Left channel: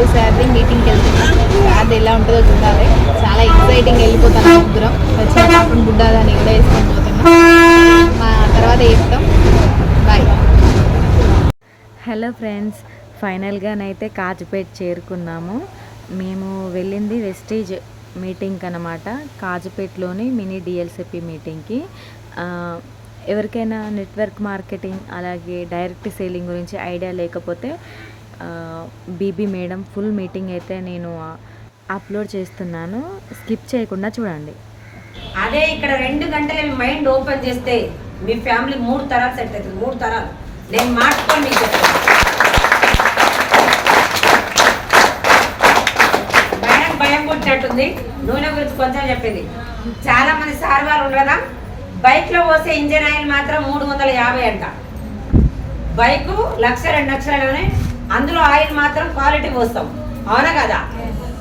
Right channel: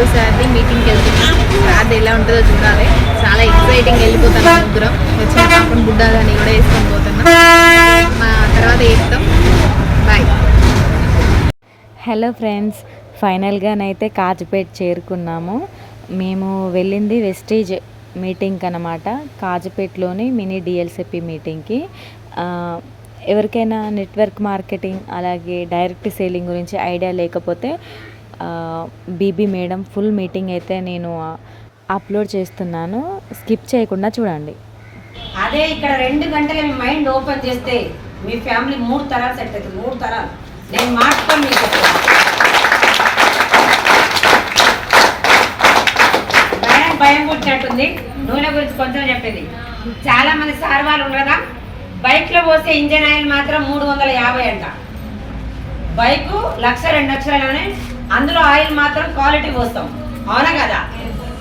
చందు సార్ది మీటింగ్కి వెళ్తున్నాం. సార్ది ఎలా ఉంటుందో చూడాలి. చాలా ఎక్సైటింగ్. వెళ్ళిపోతాను ముగ్గురం. వచ్చిన పాపం బుడ్డాదని కూడా వేసుకొని పోతున్నాం. మా తర్వాత చెప్తాం. బాయ్. హలో ఫ్రెండ్స్, ఫైనల్గానైతే కాజుపేట చేరుకున్నాము. మేము వెళ్ళింది వెస్టీజ్ మీటింగ్కి అన్నమాట. కాజుపేటలోని మినీ డిఎల్సిపి మీటింగ్కి. ఎవరికైనా నెట్వర్క్ మార్కెటింగ్ అలాగే డైరెక్ట్ సేలింగ్ గురించి ఐడియా లేకపోతే బీబీ మేడం ఫుల్ మీటింగ్ అయితే నేను అప్లోడ్ చేస్తున్నాను. స్కిప్ చేయకుండా చూడండి. అదే ఇక్కడ 2 గంటలు మీ మైండ్ ఓపెన్ చేస్తే మీ ఫ్యామిలీ 3 తరాలు సెట్ అవుతుంది. 3 తరాలు నేను మార్చుకొని మీకు మేడం భయం పుట్టినట్టుంది. నూనె గురించి కొంచెం చెప్పింది. చాలా మంది సార్ వాళ్ళు ఉండగా బైక్లో పోసే ఇంజన్ ఆయిల్ మాత్రం 350 అంట. బైకు 1,00,000 2 లక్షలనే, అందులో ఆయిల్ మాత్రం క్వాలిటీ పోస్తాం. అవునా కదా?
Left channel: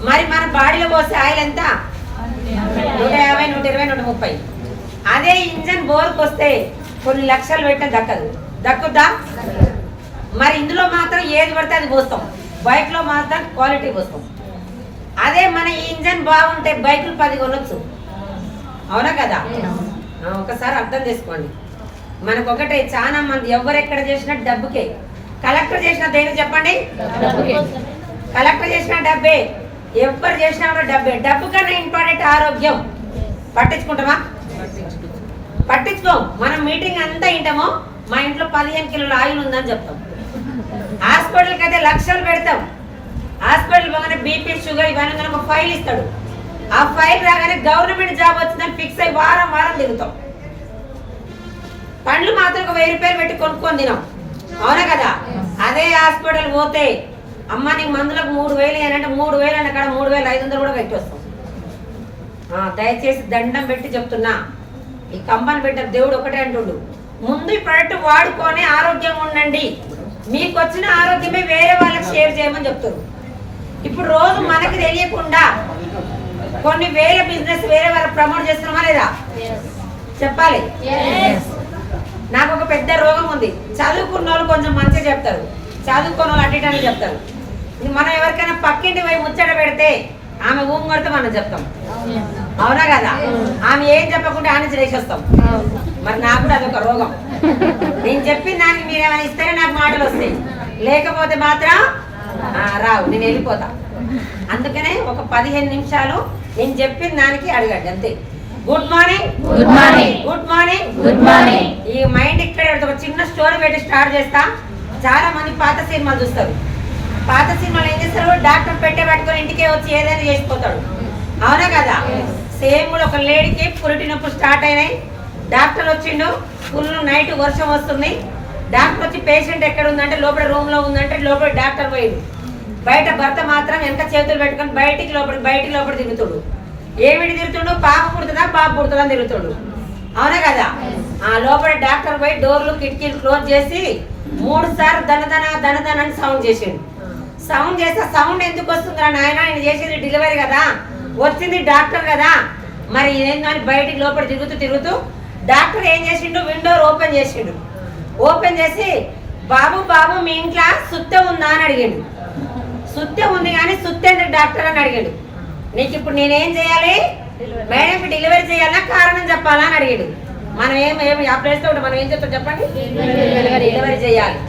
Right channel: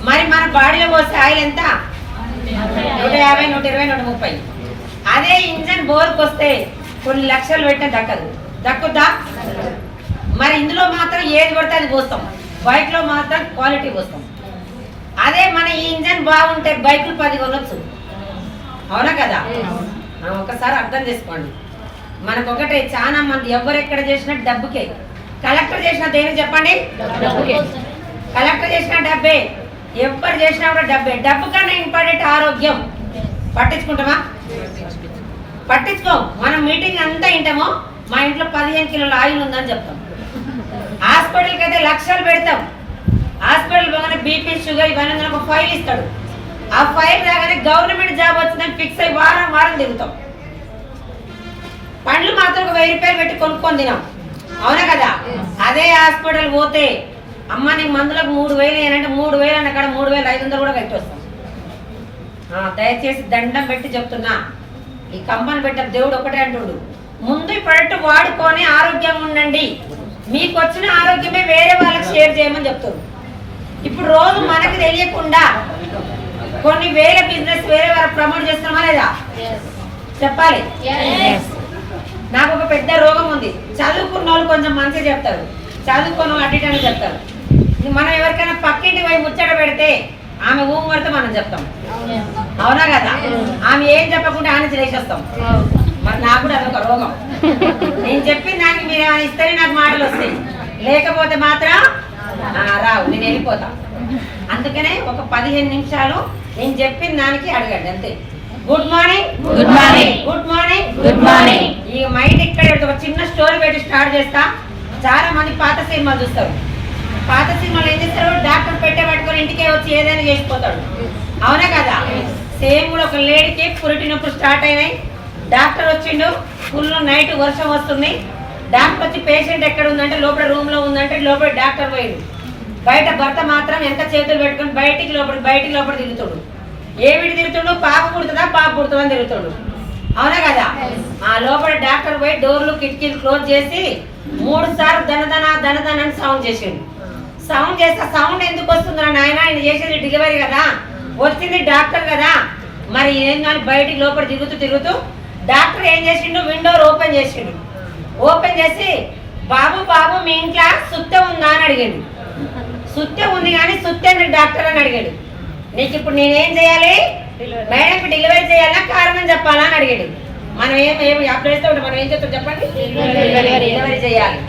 మరి మన బాడీలో పోసే ఆయిల్ ఎంత? 150, 120, 130. అదే ఇంజన్ బోర్కి వస్తే కొన్ని లక్షలు పెట్టిన దక్కుద్దా? మరి ఇందులో మాత్రం ఏది పడితే అది పోస్తాం. బైక్లో మాత్రం క్వాలిటీ పోస్తాం. అదే మన ఈ ఇంజన్ బాగుంటే బైకులు 10 కొనొచ్చు. అవునా కదా? ఒకసారి అర్థం చేసుకోండి. మనకొకటే చాలా మంది ఎవరెక్కడ చేసినా డబ్బుకే. కలెక్టర్ చేసిన దేనికి చెప్పండి? కలెక్టర్ చేసిన డబ్బే. ఎవరు చేసినా కూడా డబ్బే. డబ్బు కన్నా ఇంపార్టెంట్ ఆరోగ్యం. పట్టించుకుంటామా? పట్టించుకోం. మనం మీటింగ్ అంతా వింటామో మా ఇంట్లో 15 కిలోల ఆయిల్ ఉందని చెప్తాం. హాస్పిటల్కి అయితే లక్షలు పెడతాం. హాస్పిటల్ పోగానే బీపీ షుగర్ ఇవన్నీ ఒక ఫైల్ ఇస్తాడు. ఆ ఫైల్ రాగానే గవర్నమెంట్ జాబ్ వచ్చిందని ఫిక్స్ అయ్యి వారం తిరుగుతాం. పండ్లు మాత్రం ఒక 1000 రూపాయలు పెట్టి కొనుక్కొని తినాం. అవునా కదా? అదే హాస్పిటల్ పోతే అమ్మ నీకు మందులకు 3,000 ఏనంటే 3,000 అన్న కాడ 3,500 కూడా పెట్టి వస్తాం. దయచేసి దండం పెట్టి చెప్తున్నా, ఈ కంపెనీ పెట్టిన దేవుడు ఒకటే అంటుండు, ముందు ఈ ప్రొడక్ట్ వాడుకొని ఆరోగ్యంగా ఉండండి. మీకు వచ్చిన ఆరోగ్యమే వేరే వాళ్ళకి షేర్ చేయమని చెప్తారు. ఇప్పుడు రోజు మనకు తెలియకుండా కొన్ని వేరే బిజినెస్ వేరే వాళ్ళకి ప్రమోట్ చేస్తున్నామా లేదా? చెప్పాలి. నాకు ఒక పెద్ద రోగం ఉంది. చదువుకున్న వాళ్ళు కొంచెం మంచిగా చెప్తారు, చదువుకున్న వాళ్ళు అడ్డిటని చెప్తారు. మనం ఎవరికైనా పక్కింటి పోయి ముచ్చట పెడితే ఆమె ఊము కొడితే మనం చెప్తాం. అవునా కదా? ఆమె ఏం చెప్పకుండా ఆమె చేసేస్తాం. మరి నాకు కూడా అదొక రోగం. నేను చెప్పి నాకు మీరు ఇస్తేనే నాకు మాటలు వస్తాయి, లేకపోతే మాత్రం రావు. నేను వెళ్ళిపోతా. అందుకనే ఒక 15 నిమిషాలు నేను చెప్పిన దానికి అడగండి అంతే. Good morning, good morning, good morning, good morning. ఈ మైండ్ ఇక్కడ ఒక చిన్న స్టోరీ పెట్టి స్టార్ట్ చేస్తా. చాలా మంది పాత సినిమాలు చూస్తారు. పాత సినిమాలు ఏం చేస్తారు? డాక్టర్ పెట్టే పట్టుకొని ఇంటికే వచ్చి ఏదైనా చేసిపోతాడు. అవునా కదా? సేమ్ ఒక లేడీకి పురిటినప్పుడు స్టార్ట్ అయినాయి. డాక్టర్ వచ్చిండు. ఫుల్ నైట్ వర్షం వస్తుంది. డాక్టర్ వచ్చి పేషెంట్ ఎక్కడ ఉందంటే లోపల రూమ్ లో ఉందంటే లోపల డాక్టర్ పోయిండు. బయట భర్త మాత్రం ఎంత చేతులు పెట్టుకొని బయటికి లోపల తిరుగుతాడు. ఏమిటి తిరుగుతుండు? పాప పుడుతుందా బాబు పుడుతుందా అని తిరుగుతాడు. అవునా కదా? ఆ లోపల డాక్టర్ పోయి డోర్లు కిటికీలు క్లోజ్ చేసి 3 సార్లు దనదన అని సౌండ్ చేసిండు. సౌండ్ చేస్తే సౌండ్ ఎందుకు వస్తుందా నాయన? ఆయన చేసేది డెలివరీ కదా, వచ్చింది డాక్టర్ కదా. మరి ఏం కానీ బయటికి లోపల తిరుగుతూ డాక్టర్ ఏం చేసిండు? విండోర్ ఓపెన్ చేసిండు. ఓపెన్ చేసి బాబు మీ ఇంట్లో సుత్తే ఉందా అని అడిగాడు. సుత్తే ఉంది కానీ సుత్తే డాక్టర్ అని అడిగాడు. నీకు ఇప్పుడు నేనేం చేయాలి? మేడంకి డెలివరీ చేయాలా కారణం చెప్పాలా అని అడిగాడు. మనం ఏమి ఆ ప్లేస్ లో మనం ఏం చెప్తాం చెప్పండి? డెలివరీ చేయాలి.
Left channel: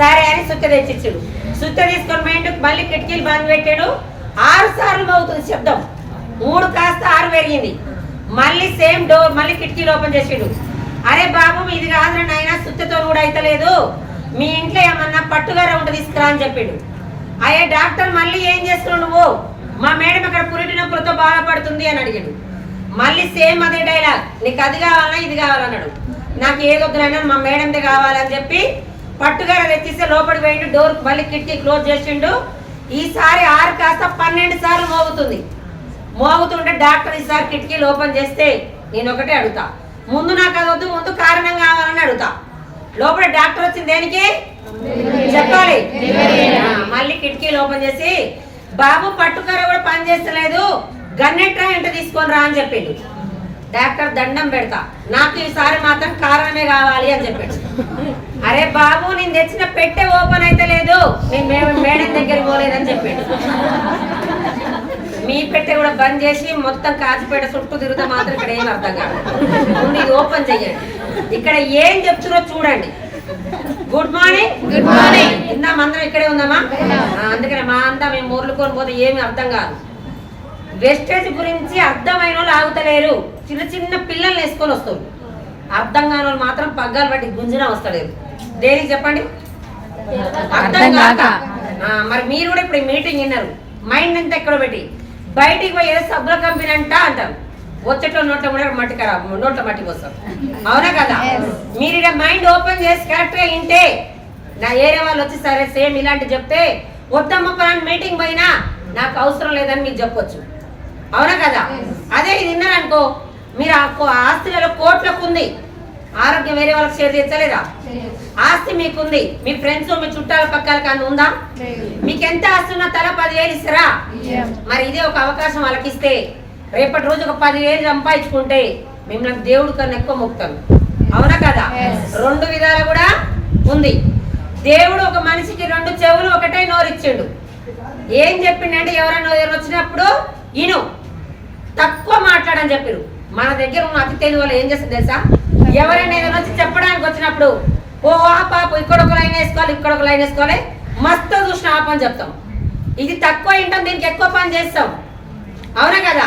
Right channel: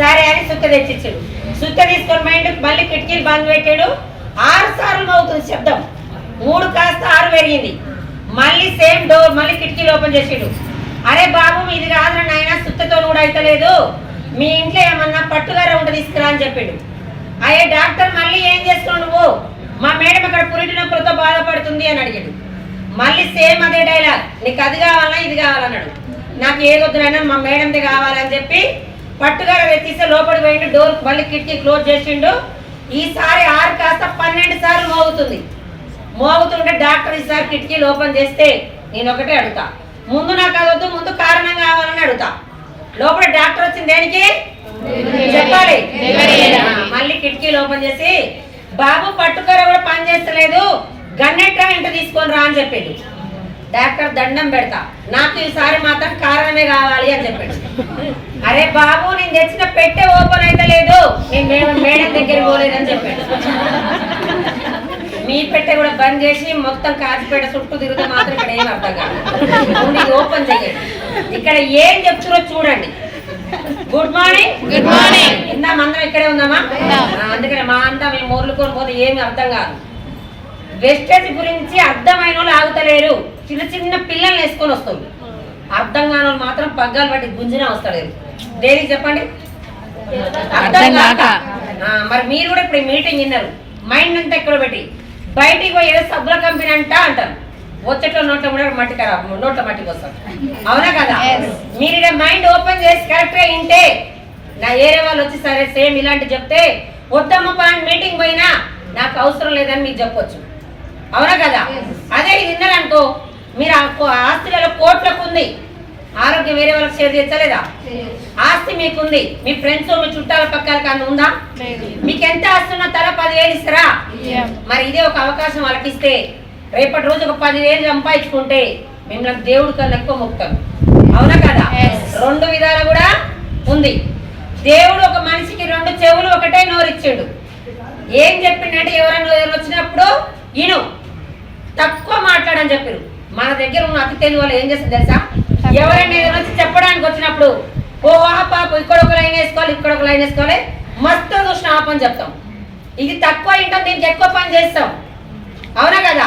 సరే అని సుత్త తెచ్చిచ్చాడు. సుత్త తీసుకొని మైండ్ మళ్ళీ కిటికీలు బంద్ పెట్టాడు. 6 సార్లు అవుతుంది శబ్దం. 3 కాస్త 6 పెరిగింది. మళ్ళీ సేమ్ డోర్ మళ్ళీ కిటికీలు ఓపెన్ చేసాడు. అరే బాబు ఇది కాదు నాయన, సుత్తతో కూడా అయితలేదు, మీ ఇంట్లో ఏమన్నా పట్టుగార ఉంటే తీసుకురా అని చెప్పాడు. అయ్యే డాక్టర్ మళ్ళీ ఏం చేస్తున్నావు నువ్వు? మా మేడం ఇక్కడ పురిటినప్పుడుతో బాధపడుతుంది అని అడిగాడు. మళ్ళీ సేమ్ అదే డైలాగ్, నీకు అది కావాలా ఇది కావాలన్నాడు. నాకు ఏదొద్దునైనా మా మేడంది కావాలని చెప్పి పట్టుగార తెచ్చిస్తే లోపలికి పోయిండు. డోర్ మళ్ళీ కిటికీ క్లోజ్ చేసిండు. ఈసారి 6 కాస్త 12 సార్లు మోగుతుంటే డాక్టర్ ఈసారి కిటికీలు ఓపెన్ చేస్తే నేను ఒకటే అడుగుతా, ముందు నాకు అది వద్దు, ముందు కారణం కావాలని అడుగుతా. లోపల డాక్టర్ వచ్చింది దేనికి చెప్పాలి. మళ్ళీ కిటికీలు ఓపెన్ చేసి బాబు పట్టుకర కూడా పని చేస్తలేదు, గన్నెట్రా ఇంట తీసుకొని రా అని చెప్పిండు. డాక్టర్ దండం పెడతా, నాకు ఈసారి మాత్రం కారణమే కావాలి అని చెప్పాడు. అరే బాబు నేను తెచ్చిన పెట్టె ఓపెన్ అయితే లేదు, నేను మేడం దగ్గర దగ్గర పోలేదని చెప్పాడు. మీ పెట్టె కూడా బంద్ చేసి మొత్తం కాచిపేట చుట్టూ తిరుగుతూ మాత్రం ఇక్కడ ఏం అర్థం కాదు. ఇది ఓపెన్ చేయండి. ఇక్కడ ఏం చెప్తున్నా చూడండి. Good morning. Good morning. ఇందాం అందరం ఇక్కడే ఉందామా? అందుకని మా అంతా మేము మొర్లుకొని పోతే ఏమి అర్థం కాదు. వెస్టేజ్ గురించి అర్థమైన వాళ్ళు ఆగుతలేరు. చిన్న చిన్న పిల్లల్ని వేసుకొని వస్తుంది. అర్థం కాని వాళ్ళు మాత్రం పగ్గాలు పట్టి గుంజినా వస్తలేరు. దేనికి చెప్పండి? అర్థం కాక. మరి మీరు కూడా ఇప్పుడు మీటింగ్ విన్నారు. మైండ్ అంతా ఎక్కడ పెట్టి బయటికి పోయి ఏదో సబ్బుల కంపెనీ అంటారు. వచ్చేట్లో నోట్ల కూడా మట్టి ఖరాబ్, నోట్ల మట్టికి వస్తారు. అవునా కదా? మీరు ఇక్కడ మైండ్ ఓపెన్ చేసి కరెక్ట్ గా వింటే నా ఏరియా వాళ్ళు వచ్చి సరే సేమ్ ఇలాంటి చెప్తే వద్దమ్మ పని మీటింగ్ పోయినా నాకు అవసరం లేదని మీకు చెప్పొచ్చు. అవునా కదా? అదే ఇది విన్నారనుకో, మీరు ఆస్తిలో కోట్లకు ఉంది, ఆరోగ్యం వేరే వాళ్ళకి షేర్ చేస్తలేదా? ఆస్తి మీకుంది, మీ ఫ్రెండ్స్ మీ చుట్టాల పక్కలకు అంత ఉందా? మీకు ఎంత ఆస్తి ఉన్నా తల 10,000 ఇస్తారా? మరి ఇదే ఒక అవకాశం వాళ్ళకి ఇస్తే రేపటి రోజు ఒక 10,000 సంపాదించుకుంటే మిమ్మల్ని దేవుడు కన్నా ఎక్కువ మొక్కుతాం. అవునా కదా? 2 విధాలు కూడా ఉంది. దేవుడు ఒక మనిషికి 2 చెవులు ఒకటే నోరిచ్చిండు. ఏం చెప్పిండంటే ఎవరైనా వచ్చినప్పుడు ఇను, తక్కువ మాట్లాడని చెప్పారు. మన దగ్గర ఉన్న అతి తెలివి వాళ్ళు ఏం చేస్తుంది తెలుసా? ఎవరైనా ఏదైనా వచ్చి చెప్పడానికి వచ్చినప్పుడు ఓహో పాప ఇక్కడ ఒక లైన్ వేసుకోవాలి, ఇక్కడ ఒక లైన్ వేసుకోవాలి, మస్తు చూసిన ఆ పని చెప్తాం. ఇది తక్కువ వింటాం, దీనికి ఎక్కువ పని చేస్తాం. అవునా కదా?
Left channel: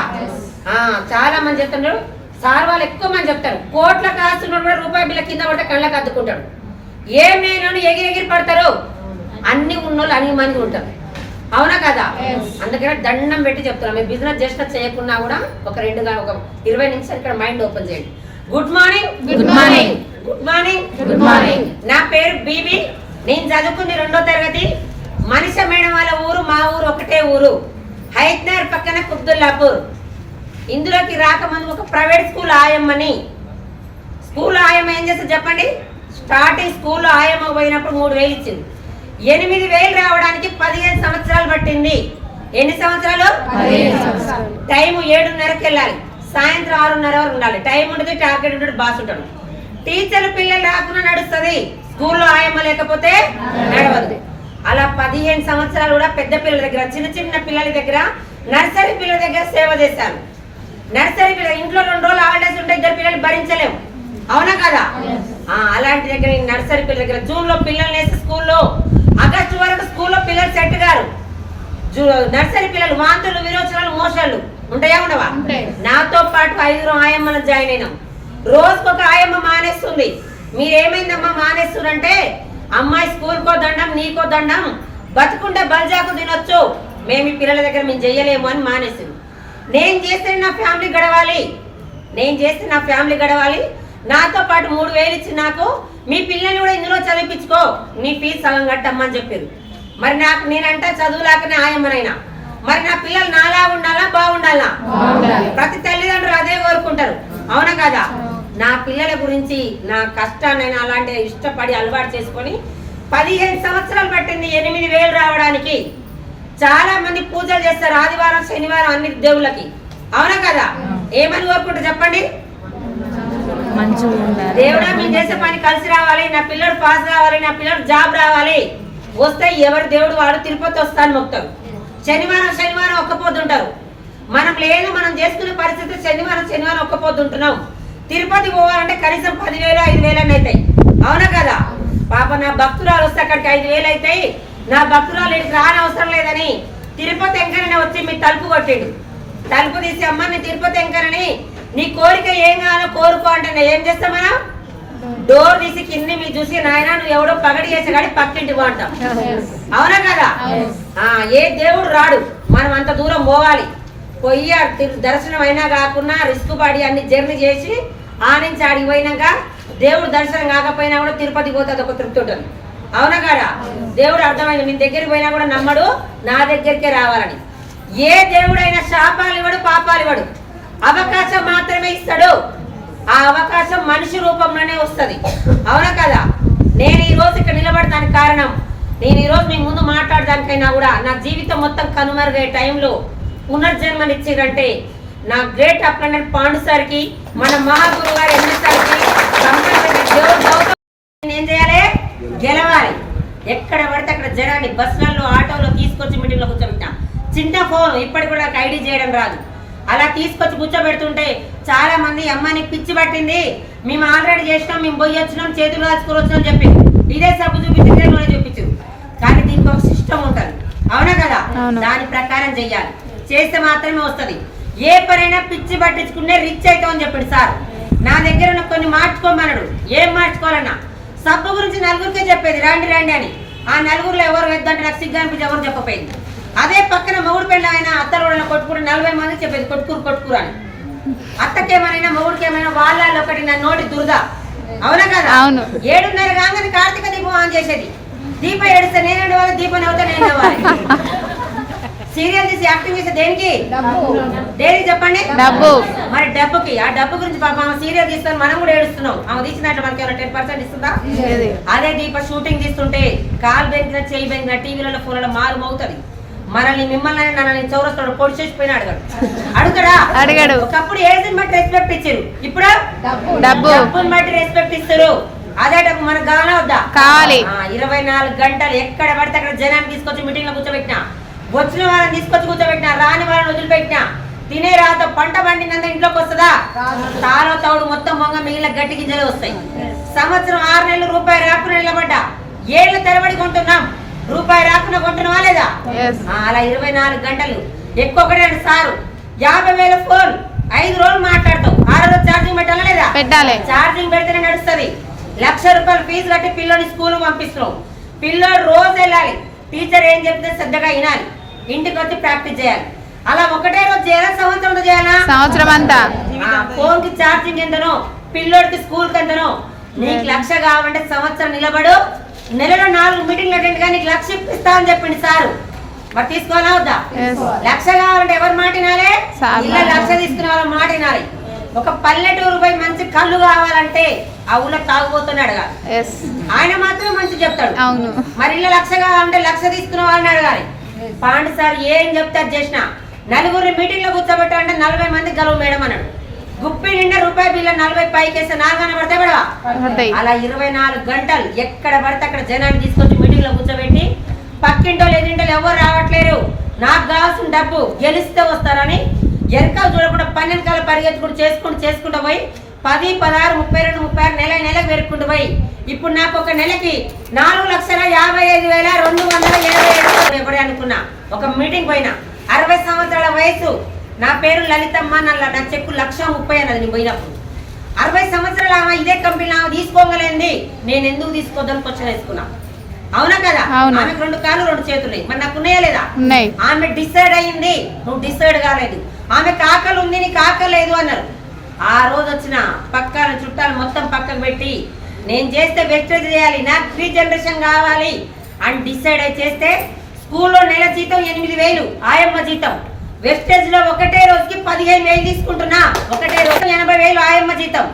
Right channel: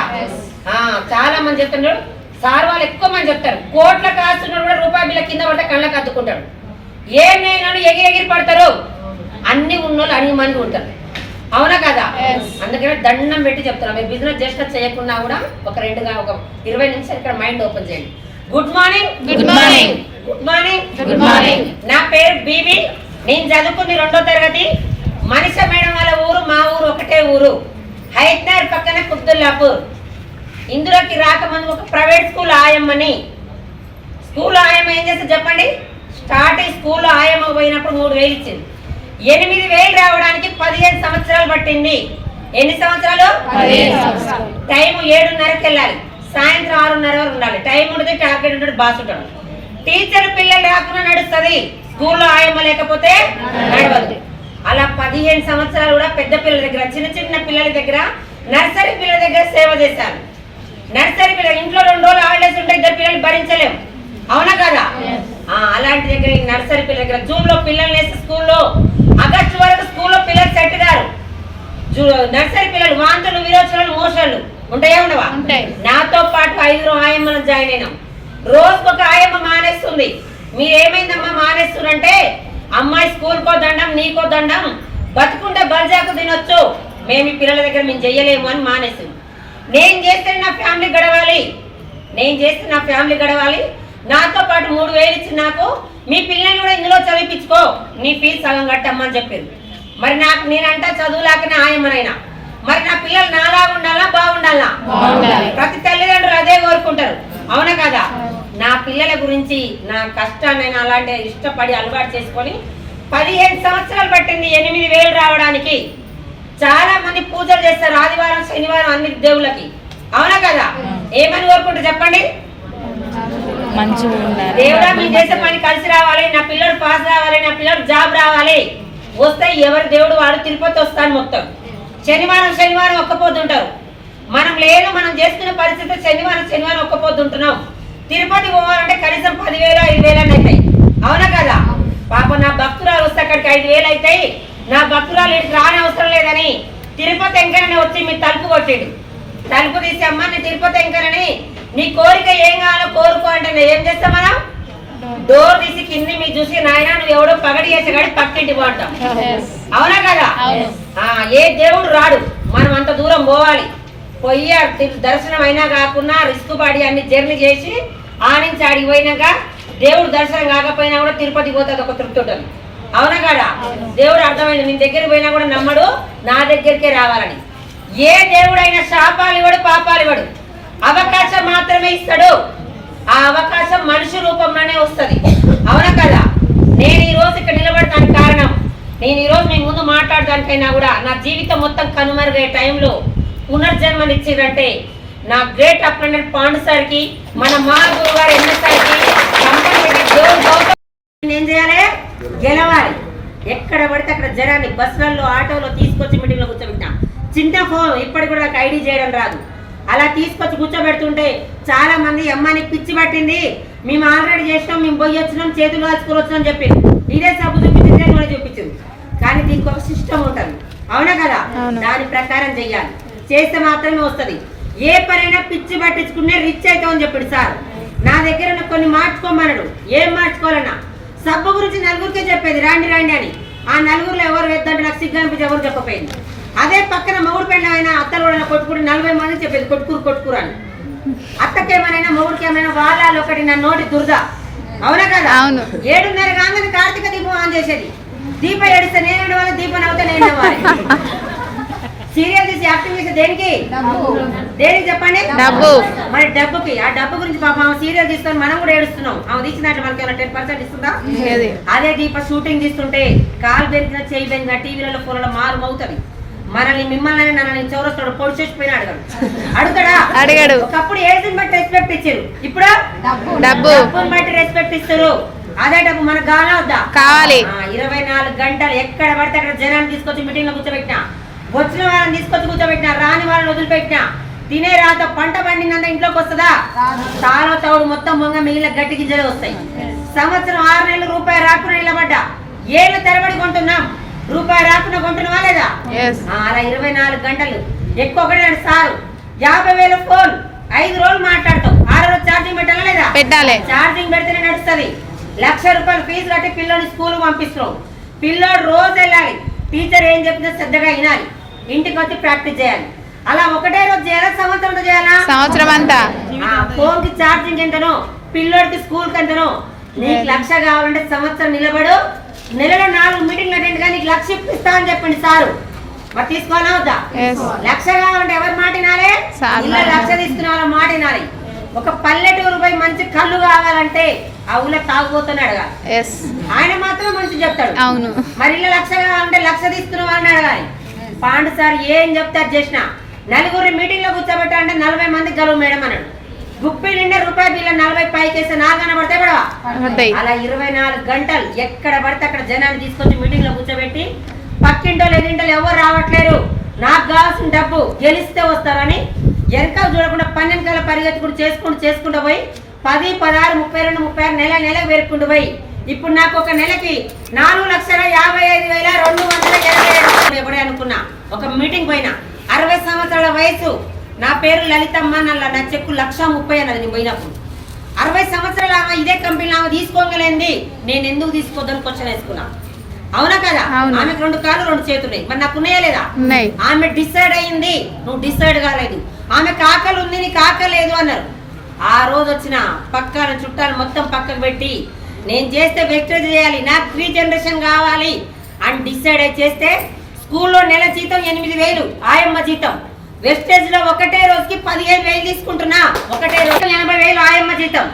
చాలా మంది చెప్తున్నారు. సార్ వాళ్ళు ఎక్కువ మంది చెప్తారు. కోట్ల కాస్తున్నాడు కూడా రూపాయి బిల్ల కింద పడితే కళ్ళకి అద్దుకుంటాడు. ఏం లేని ఎగిరి పడతారు. అన్ని ఉన్నోళ్ళు అన్ని మంది ఉంటారు. అవునా కదా? అందుకని దండం పెట్టి చెప్తున్నాం. మీరు బిజినెస్ చేసినా చేయకున్నా కూడా ఒక 20 నిమిషాలు ఇక్కడ మైండ్ ఓపెన్ చేయండి. Good morning. Good morning. Good morning. Good morning. నా పేరు బీబీ. నేను చదువుకుంది 2వ తరగతి. మనిష మేడం వాళ్ళ ఊరు మా ఊరు ఒకటే ఊరు. హైత్నగర్ పక్కన కుబ్దుల్లాపూర్. ఇందులోకి రాకముందు ఒక ప్రైవేట్ స్కూల్ ఆయమ్మని. స్కూల్ ఆయమ్మ ఏం చేస్తే చెప్పండి? స్టార్టింగ్ స్కూల్లో ఆయమ్మ పోయినప్పుడు 3,000 ఇచ్చింది. 8,000 రావడానికి 15 సంవత్సరాలు పట్టింది. ఎన్ని సంవత్సరాలు? టైం 7:30కి వెళ్ళాలి, సాయంత్రం 6:30 వరకు ఉండాలి. టైం ఉంటుంది, టార్గెట్ ఉంటుంది, బాస్ ఉంటాడు. టీచర్ పిల్లలు రాకుండా నడుస్తుంది, స్కూల్లో ఆయమ్మ లేకపోతే నడవదు. అలా 15 సంవత్సరాలు కూడా పెద్ద పిల్లల దగ్గర, చిన్న చిన్న పిల్లల దగ్గర, నర్సరీ పిల్లల దగ్గర సేవ చేశాను. నర్సరీ పిల్లలు ఇంట్లో 2 రోజులు హాలిడేస్ ఉంటే 2 పిల్లలు భరించలేము. అవునా కదా? అలాంటి దగ్గర నర్సరీ పిల్లల దగ్గర జూన్ లో పిల్లలు వేస్తే స్కూల్లో ఆగస్టు వరకు స్కూల్లో పిల్లలు సెట్ గారు. నర్సరీ పిల్లలు వాంతులు, విరోచనాలు, మోషాలు ఉంటాయా ఉండవా? నాతో పాటు 5 ఆయమ్మలు జాయిన్ అయినాం. రోజుకొక ఆయమ్మ మానేస్తుంది. మీరేమైందమ్మా మానేస్తుందంటే, అమ్మాయి స్కూల్కో దండం, నీకో దండం, బతుకుంటే బల్జాకు తినొచ్చు, మేము ఈ పిల్లల దగ్గర మేము చెయ్యలేము అని మానేస్తుంది. నేను చేస్తే నా ఫ్యామిలీ గడవాలి, నాతో పాటు 3,000 ఇచ్చి నాకు మీ పిల్లల్ని కూడా ఇందులో చదివించుకో, నీ ఫీజు సగం కట్టమ్మని చెప్పారు. మరి నేనంటే చదువులాకనే ఆయమ్మనైనా, మరి నా పిల్లలు నాలా ఉండాలా బాగుండాలా? ప్రతి తల్లిదండ్రులు అదే కోరుకుంటారు. అవునా కదా? నా పిల్లల గురించి నా కష్టాన్ని అలాంటి ఇష్టపడి అలవాటు చేసుకొని 15 సంవత్సరాలు పట్టింది 8,000 రావడానికి. చాలా మంది పూజలు చేస్తారు ఆదివారం శనివారం అన్ని దేవుళ్ళకి. అవునా కదా? ఏమని కోరుకుంటారు చెప్పండి? దేవుడా మీరు చేసే పని కలిసి రావాలి, నా పిల్లడు పాస్ రావాలి, నా పిల్లడు జాబ్ రావాలి. వస్తే ఎవరి దేవుడు వాడు తిరుపతి వస్తాను మొత్తం. శనివారం ఒక్క పొద్దుంటారు. మనం లేదు, మనం చేసుకునే పరిస్థితి శనివారం ఒక్క పొద్దుంటున్నాం. తిరుపతి పోవాలంటే కనీసం 10,000 5,000 అని అవుతాయి. అవునా కదా? పాప నా భక్తురాలు వస్తే అక్కడికి 5,000 అవుతాయి. నా భక్తురాలు ఇక్కడికి రాని అవసరం లేదని తిరుపతి వెంకరని వచ్చి మీ తలుపు కొట్టిండు. తలుపు తీసి అమ్మ నీ తిరుపతి వెంకరని నీ కోరిక ఏం కావాలో కోరుకో అంటే ఏం చేస్తాం మనం? డోర్ తీసి కింది మీరు చూసి నాయన నువ్వు ఎవడో పగడి చేసే కాడి పక్కింటి పోంటాం. అవునా కదా? ఏ దేవుడు రాడు, మనం అంత దూరం పోవాలి. పోయి దర్శనం అయినా కాకుండా రిస్క్ పడి అన్ని జర్నీ చేసి నుంచి ఆడికి పోయినాక దేవుడు దర్శనం కాకపోయినా కూడా తిరుపతి పోతుంది ఒక తృప్తి ఉంటుంది. అవునా కదా? దేవుడు అర్థమైంది, మీ దగ్గరికి పోయినా కూడా నమ్మడు, నా దగ్గరికే రావాలని. ఏ దేవుడైనా శాపాలు ఇవ్వడు, పాపాలు ఇవ్వడు, అవకాశం మాత్రమే ఇస్తాడు. ఆ అవకాశం మనిషి రూపంలోనే వస్తుంది. అవునా కదా? నేను ఈ రోజు ఇక్కడ నిలబడటానికి కారణం, నేను ఈ రోజు మీ ముందు మాట్లాడడానికైనా కూడా నా జీవితం మొత్తం కనుమరుగయ్యే టైంలో పునర్జన్మనిచ్చిందంటే నా గ్రేట్ అప్రెండెంట్ పాండు సార్కి, మన మహాగురు గారు ఎన్ఎస్ఆర్కి ఏం చేయాలి? గెలవాలి. ఎక్కడ పడితే అక్కడ జనాన్ని బస్సులలో ఆటోలో తీసుకొచ్చి మీటింగ్లో కూర్చోబెట్టినా. చిన్న ఫోన్ ఇప్పటికి కూడా నాకు ఐడి చేయడం రాదు. అలా తీసుకొచ్చి కూర్చోబెడుతుంటే చాలా మంది అమ్మ నీకు పిచ్చి పట్టింది, మేము ఆల్రెడీ చేసినాం, మేము పోయి వచ్చినాం, చేతులు కాచుకొని వచ్చినాం చెప్పి ఇదే సబ్బు చూపించి ఇదే కూడా చూపించారు. కానీ దీనికి ఒక సిస్టమ్ ఉంటుంది, అవునా కదా? దాని ప్రకారం చెయ్యాలి, చేస్తే మాత్రమే వస్తుంది. ఏ పనైనా పిచ్చి పట్టించుకునే రిచ్ అవుతామని చెప్పాడు సార్. నా దగ్గర ఉన్న కొన్ని మార్చుకోమన్నాడు. ఏం మార్చుకోవాలన్నా సబ్బు గురించి నలుగురికే చెప్పేది, రండి రండి అని. ఆ నలుగురిలో ఎవరు వెద్దంటే నాకు సిగ్గు అనిపించి ఎవరు చెప్పపోయింది. అదే పక్కన మొగుడు పెళ్ళ ఆయన అత్తలు కూడా కొట్టుకుని 40 మంది చెప్పేది కొట్టుకూరు అని. అత్తకేమైనా మొగుడికేమైనా వాళ్ళ ఒకటి నా నోటి దురద, అవునా కదా? 7:30 కాగానే కార్తీక దీపం ఆన్ చేసేది. దీపం ఏడిస్తే నేను వాళ్ళ దీపం అవుతా నేను అవ్వాలి. సీరియల్ తీసి యాక్టింగ్ చేసే దేనికి? దేనికి చెప్పండి? డబ్బు. మరి డబ్బుకి, ఆ డబ్బు గురించి పాపం ఆమె సీరియల్ తీస్తాను మనం కూడా ఏడుస్తున్నాం. ఆమె తీసినట్టు మనకి 10% ఇస్తుందా? అదే దీప షూటింగ్ తీస్తుంటే కాలు బెంకిన చేయి బెంకిన టీవీలలో ఫోన్లలో మాలు అవుతుంది. మనల్ని మిమ్మల్ని నన్ను చౌరస్తాడు పొడి చేసిపోయినా అడుగుతాడా? ఒకప్పుడు ఏజ్ని బట్టి రెస్పెక్ట్ ఇచ్చారు, ఇప్పుడు డబ్బుని బట్టి రెస్పెక్ట్ ఇస్తారు. అదే డబ్బు మనకు కావాలా వద్దా? కావాలి. 24 గంటలు ఎక్కడ పడితే అక్కడ జనాన్ని తీసుకొచ్చి మీటింగ్ లో కూర్చోబెట్టినా, వచ్చిన వాళ్ళని తీసుకొచ్చి కూర్చోబెట్టినా, రాని వాళ్ళని వదిలిపెట్టినా. తినే రాత పంట పండినంత ఇంట్లోకి వస్తుందా? తాళ తౌడు మొత్తం మొంగ మిగిలిన గట్టి గింజలు వస్తాయి. సంవత్సరం 6 నెలలు రూపాయి రాకుండా నిలబడ్డా, ఏళ్ళు తెరబడి కొంటున్నాం, రూపాయి రాకుండా కొంటున్నావా లేదా? అలా 24 గంటలు ఎక్కువ సారు 50,000 ఫోన్ 5 రోజులు మాట్లాడతాం, 6 రోజు ఛార్జింగ్ పెట్టాలా లేదా? పెట్టాలి. ఛార్జింగ్ పెడితేనే నడుస్తుంది. 1,00,000 రూపాయలు ఫీజు కట్టి పిల్లోని స్కూల్ పంపిస్తున్నాం. పిల్లోడు రోజు వెళ్ళాలి, టీచర్ ఏం చెప్తే శ్రద్ధగా వినాలి, ఇంటికి వచ్చి ప్రాక్టీస్ చేయాలి. అలా ఒకటే రోజు చేయాలా, సంవత్సరం చేయాలా? సంవత్సరం అంతా. ఫోన్ కి ఛార్జింగ్ ఎంతనో, పిల్లోడికి స్కూల్ కి ఎంతనో. నీకు 1,00,000 కావాలంటే సంవత్సరం నిలబడు, నెలలో 4 మీటింగ్లు అటెండ్ గా నీకు 1,00,000 ఇప్పిస్తా అని చెప్పింది సారు. మరి తీసుకోవాలా వద్దా? 1,00,000 కావాలంటే ఎవరు మాట వినాలి? ఇలా 1,00,000 తీసుకునే వాళ్ళ మాట వినాలి. ఒక పల్లెటూరు పోయి మంచి కళ్ళు కావాలంటే ఆ ఊళ్ళో తాగుపోతాను అడగాలి, ఆయన మాత్రం మంచి చెప్తాడు. అవును. మరి ఇలా 1,00,000 కావాలంటే 1,00,000 తీసుకునే వాళ్ళని అడగాలి. పాండు సార్ ఏం చెప్తారు చేసిన, నలుగురు మీటింగ్ లో కూర్చోబెట్టాలంటే 40 మంది గలువు మేడం అన్నాడు. గుప్పి నిండా రూపాయి బిల్ల 40 పైకేస్తే 4 పడితే పడవా? అలా 24 గంటలు ఎక్కడ పడితే అక్కడ జనాన్ని తీసుకొచ్చి మీటింగ్ లో కూర్చోబెట్టి, పక్కింటో ఎదింటోళ్ళు ఎవరు రావట్లేరు, నాకు కావాల్సిన డబ్బు గెలిస్తే వస్తారని ఎరకాలు చూడకుండా 12 కాల పరిగెత్తుకుంటూ చేసుకుంటూ పోయి 10, 16, 32, 36 నెలకు పెరుక్కుంటూ పోయి ఇప్పుడు నాకు ఒక నెలకి 4,55,227 ఎప్పుడే అనుకున్నా. ఒక మీటింగ్ పోయినా, 60 సంవత్సరాల వయసు, నా పేరు లలితమ్మ, నా చెక్కు 1,30,000 అన్నది నేను పోయినప్పుడు. 60 సంవత్సరాలు ఆమె ఇదే కంపెనీలో ఆమె తీసుకోగలేంది, నేను ఎందుకు తీసుకోద్దాం క్వశ్చన్ వేసుకున్నా, అవునా కదా? ఆమెకు 2 కాళ్ళు 2 చేతులు, మరి నాకు ఉన్నాయా లేదా? ఆమె డిసైడ్ అయ్యింది, నువ్వు డిసైడ్ కాలేదు. ఆమెకు ఆకలి ఉంది, నీకు ఆకలి లేదు అన్నారు. ఆ రోజు వచ్చిన పక్కన చుట్టాలు మొత్తం పక్కకు పెట్టి, నేను చేస్తే వెస్టేజ్ చేయాలి, నాకు 3 జనరేషన్ కావాలి అని డిసైడ్ అయి చేస్తే, స్కూల్లో నెల జీతం 8,000, ఆయమ్మ జీతం. వెస్టేజ్ లో ఒకటే రోజుకి 15,000 తీసుకుంటున్నా, ఒకటే రోజు 80,000 ఆయమ్మ జీతం.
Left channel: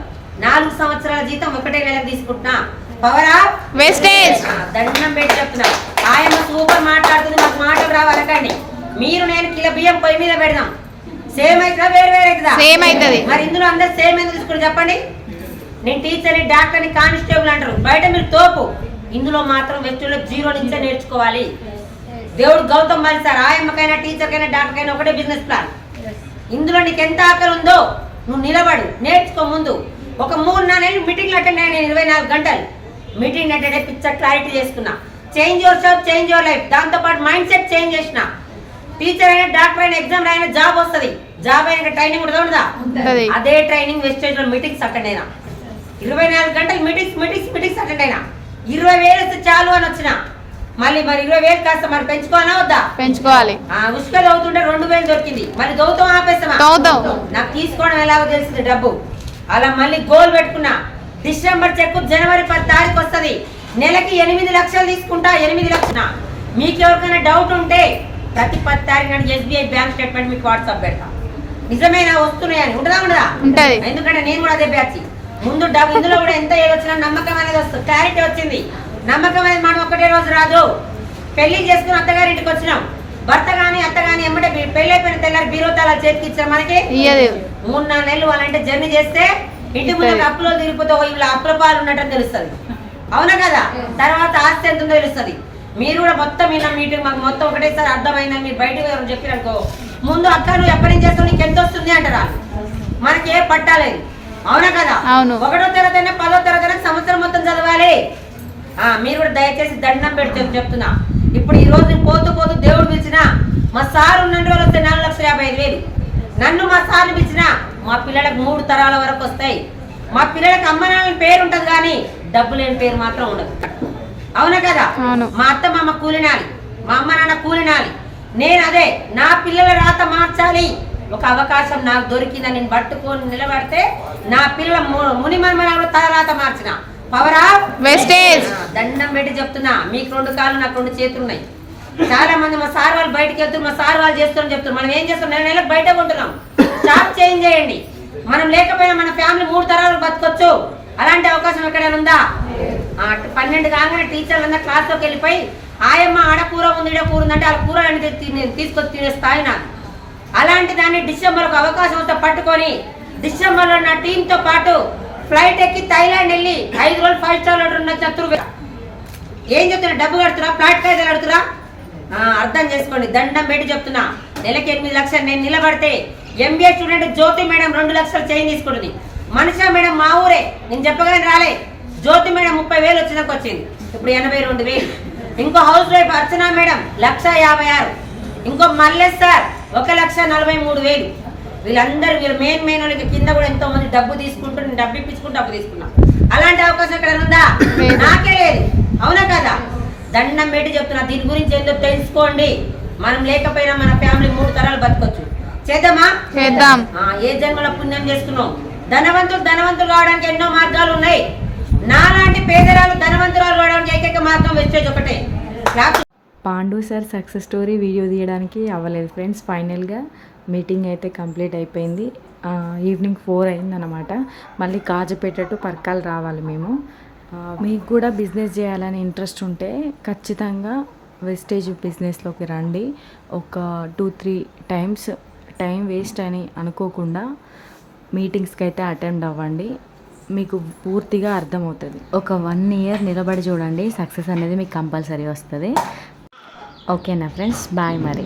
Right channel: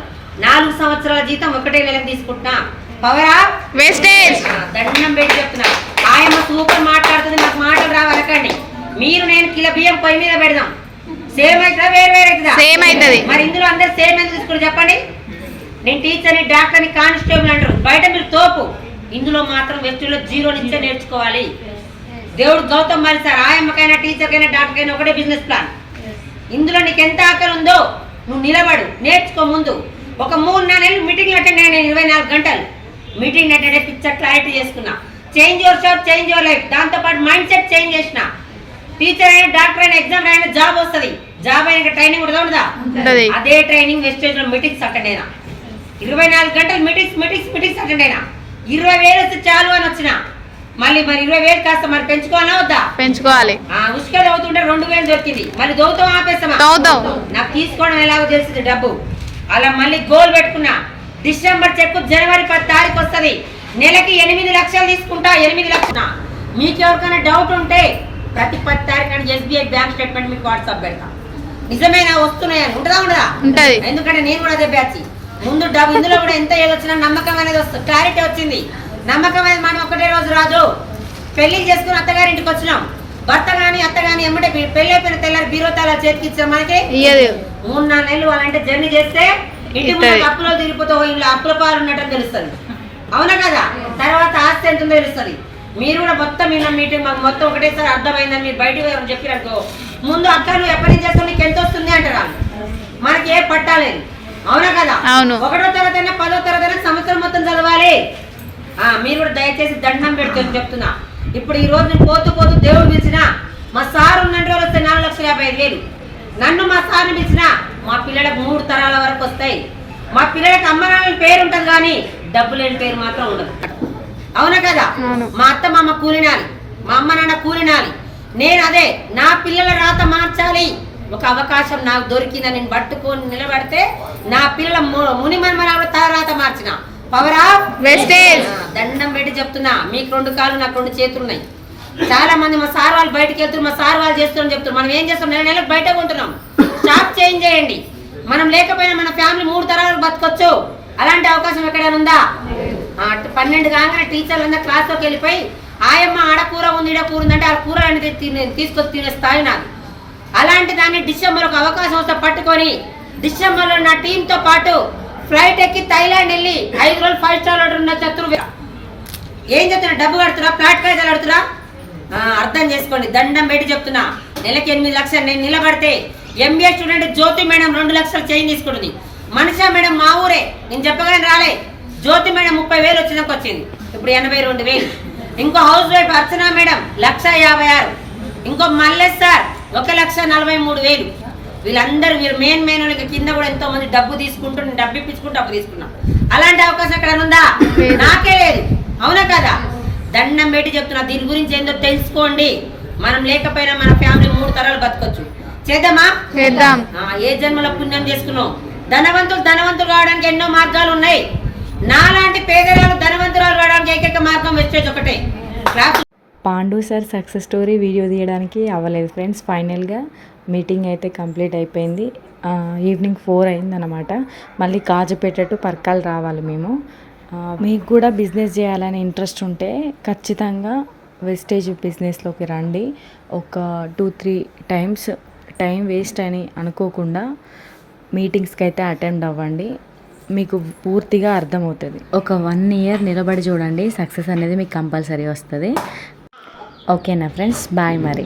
4 సంవత్సరాల జీతం ఒకటే నెలకు తీసుకుంటున్నా. పవరా వెస్టేజ్. దండం పెట్టి చెప్తున్నా, ఆయమ్మ సూపర్ మాట్లాడుతుంది, మాకు మాటలు రావాలకండి. మీరు నేను కిలో బియ్యం పొయ్యి మీద పెడదాం, సేమ్ అవుతుందా వేరు వేరు అవుతుందా? సేమ్ అవుతుంది. మరి ఇందులో అందరు సేమ్ ఎందుకు తీసుకుని చెప్పండి? నేను టీచర్ని, డాక్టర్ని, కానిస్టేబుల్ అంటారు, బయట మీరు తోపు. ఇందులో మాత్రం వ్యక్తుల్లో 0 నుంచే నేర్చుకోవాలి. దేవుడు గౌతమ్ మరి సార్, ఆయమ్మకైనా టీచర్కైనా డాక్టర్కైనా ఒకటే బిజినెస్ ప్లాన్. ఇందులో నీకు ఎంత ఆకలి ఉందో నువ్వు నిలబడు, నేర్చుకో. ముందు ఒక 3-4 నెలలు మీటింగ్లు అటెండ్ అయినా, 24 గంటలు మీటింగ్ అటెండ్ అయి పిచ్చర్ క్లారిటీ చేసుకున్నా. Change your shop, change your life. దాంతో పాటు మైండ్ సెట్ చేంజ్ చేసిన. టీచర్ అయినా, డాక్టర్ అయినా, ఎగ్జామ్ అయినా జాబ్ వస్తుంది. జాబ్ అయినా ట్రైనింగ్ ఉండదా? అదే ట్రైనింగ్ వెస్టేజ్ లో మీటింగ్స్ అటెండ్ అయినా, 24 గంటలు మీటింగ్స్ అటెండ్ అయినా. 20,000 వస్తే చాలు అని వచ్చిన. మరి 20,000 కాస్త మరి పెంచుకోవాలా వద్దా? పెంచుకోవాలి. ఉసుక దవ్వుతుంటే 2,000 దొరికింది, మరి దవ్వుతాం ఆపేస్తామా? నాకు తీసుకోవడం ఎలాగో తెలిసింది డబ్బు. అలా మళ్ళీ గోల్ పెట్టుకున్నా, డిసెంబర్ చెక్కు జనవరి 10 తారీఖు వస్తుంది, నెలకి 8 లక్షలు తీసుకుంటా. 8 లక్షలు. మీకు ఎవరికైనా డౌట్ ఉంటే ప్రతి 10 తారీఖు నాడు SBI బ్యాంక్ స్టేట్మెంట్ మీకు వాట్సాప్ పెడతా. నిజమేనా వస్తున్నాయని ఉండదా? ఎందుకంటే నేను కూడా అదే బ్యాచ్. ముందు డబ్బు ఇందులో కూడా ఎంత ఏదొచ్చినా నమ్మకం అనేది వస్తుంది, క్లారిటీ వచ్చింది. నమ్మకం అనేది మనం ఒకటే రోజు రాదు. పెళ్లి చేసుకుని అత్తగారి ఇంటికి వచ్చినాం, భర్త గాని అత్త గాని ఎమ్మటే పెళ్లి అయిపోయిన తెల్లారి బీరో తాళాలు చేతికి ఇచ్చాం. మనకి 3-4 నెలలు వాళ్ళంటే జర్నీ చేస్తే ఇంటి ముందు అప్పులో తిరిగిపోతే వీళ్ళు అప్పుల పాలు ఉన్నట్టు తెలుస్తుంది, అవునా కదా? తర్వాత ఆస్తి ఎంత ఉందో తెలుస్తుంది. మీరు కూడా మొత్తం విన్న మీటింగ్ మాకు మొత్తం ఒకటేసారి అర్థమైందని మీరు బయటకు చెప్పిరనుకో, ముందు అక్క నువ్వు ఎప్పటి నుంచి చేస్తావు, నీకు ఎంత వస్తుంది అంటారా? మనకి ఏ పట్టాలేదు. అవునా కదా? అవును. 1వ తరగతి 10వ తరగతి సంవత్సరం మొత్తం చదవాలి. మీరు కూడా దయచేసి దండం పెడితే చెప్తున్నా. ఇప్పుడు ఈ రోజు పోతూ పోతూ దేవుడు పిలిచిన మా సార్ ఉన్న రోజులు వస్తే 4,55,000. నన్ను మా సార్ని పిలిచిన మా పిల్లలకు 3 తరాల వరకు వస్తాయి. మా పిల్లలకి అమ్మ నాన్నల పేరు ఉంటుంది కానీ డబ్బు లేని పేరు మాత్రం ఉండదు. అవునా కదా? మా అత్త మా అమ్మ కూలినాలి, మా అమ్మ నాన్న కూలినాలి. నేను అదే నా పిల్లల రాత మార్చాలి. ఒక అవకాశం నాకు దొరికిందని నేను పట్టుకొని నిలబడితే నా పిల్లల ముని మనమరాలు రాత మార్చిన పవర్ ఆఫ్ వెస్టేజ్. దండం పెట్టి చెప్తున్నా, మీకు 2 కాళ్ళు నాకు 2 చేతులు ఉన్నాయి. చాలా మంది మా సార్ వాళ్ళు బయటకు వెళ్తున్నారు, మా సార్ వాళ్ళు చేస్తున్నారని చెప్తున్నారు. మనం ఏం చేస్తాం? నెలకు బయట కొంటున్నాం. షాప్ చేంజ్ చేయండి. మనం లేకపోయినా మన ఫ్యామిలీ 3 తరాలకు బతకొచ్చు. అలాంటి అవకాశం ఎక్కడైనా ఉందా? 12 కాగానే టీచర్లు అందరూ క్లాస్లోకి వెళ్ళిపోయి ఆయమ్మ ఆడ కూర ఉంది ఈడ కూర ఉందంటే ఆ కూర తీసుకొచ్చి తినే స్థాయి నాది. అలాంటి దాన్ని డిసెంబర్ ఒక అవకాశం వస్తే పట్టుకొని డిసెంబర్లో నా టీంతో పాటు ఫ్లైట్ ఎక్కి థైలాండ్ వెళ్ళి 5 రోజులు 5 స్టార్ ఆర్డర్ ఉన్న చతురు ఏం చెప్తున్నా? డబ్బు కడుతురా? ఫ్లాట్ కాయిదాలు కడుతురా? అర్థం చేసుకోండి. దండం పెట్టి చెప్తున్నా, నెలకి 8 లక్షలు నేను నిలబడితే ఎంబీఏ స్టూడెంట్ జ్యోతి మేడం 2 లక్షలు చేంజ్ తీసుకుంటుంది. మనిషా మేడం మా ఊరే, నేను చెప్పగానే రాలే. జ్యోతి మేడం 30,000 వచ్చినాక వచ్చింది, ఇప్పుడు 82,000. ఇంకో హౌస్ వైఫ్ అర్చనా మేడం 1,56,000. ఇంకో మల్లేష్ సార్ 1,43,000. వీళ్ళందరూ వీళ్ళు మెయిన్ వాళ్ళకి కింద కూడా ఎంతో మంది డబ్బు తీసుకుంటూ నేను డబ్బు ఇప్పించుకుంటూ డబ్బు తీసుకున్నా. అలాంటి అవకాశం ఎక్కడ ఉందా? నాకే లేదు. అవునా కదా? దండం పెట్టి చెప్తున్నా, దీని గురించి ఏందో తెలుసుకోండి. మనం లేకపోయినా మన ఫ్యామిలీ 3 తరాలు బతకొచ్చు. చేద్దామా? చేద్దాం. ఏ జన్మలో పుణ్యం చేసుకున్నాం. ధనవంతులు కావడానికి ఎన్నో మార్గాలు ఉన్నాయి. నాలాంటి పేదరాలు ధనవంతురాలు కావడానికి ఏకైక మార్గం వెస్టేజ్ ఒకటే. Pandu sir success story video తీయడానికి అవ్వలేదు ఫ్రెండ్స్. ఫైనల్గా మీటింగ్ అయితే కంప్లీట్ అయిపోయింది. ఈవినింగ్ 4 అయిందన్నమాట. మళ్ళీ కాజుపేట టు పర్కాల్ రావాలి మేము. మీకు కూడా బిజినెస్ చేయాలని ఇంట్రెస్ట్ ఉంటే ఖచ్చితంగా వెస్టేజ్ బిజినెస్లోకి రండి. ఒక 2-3 టైమ్స్ టైం వేస్ట్ అని అనుకోకుండా మీటింగ్స్కి అయితే అటెండ్ అవ్వండి. మీకు పూర్తిగా అర్థమవుతుంది. ఒక 1 ఇయర్ నిలబడి చూడండి, సక్సెస్ అనేది మీకు కంపల్సరీ వస్తుంది. ఓకేనా ఫ్రెండ్స్? బాయ్ మరి.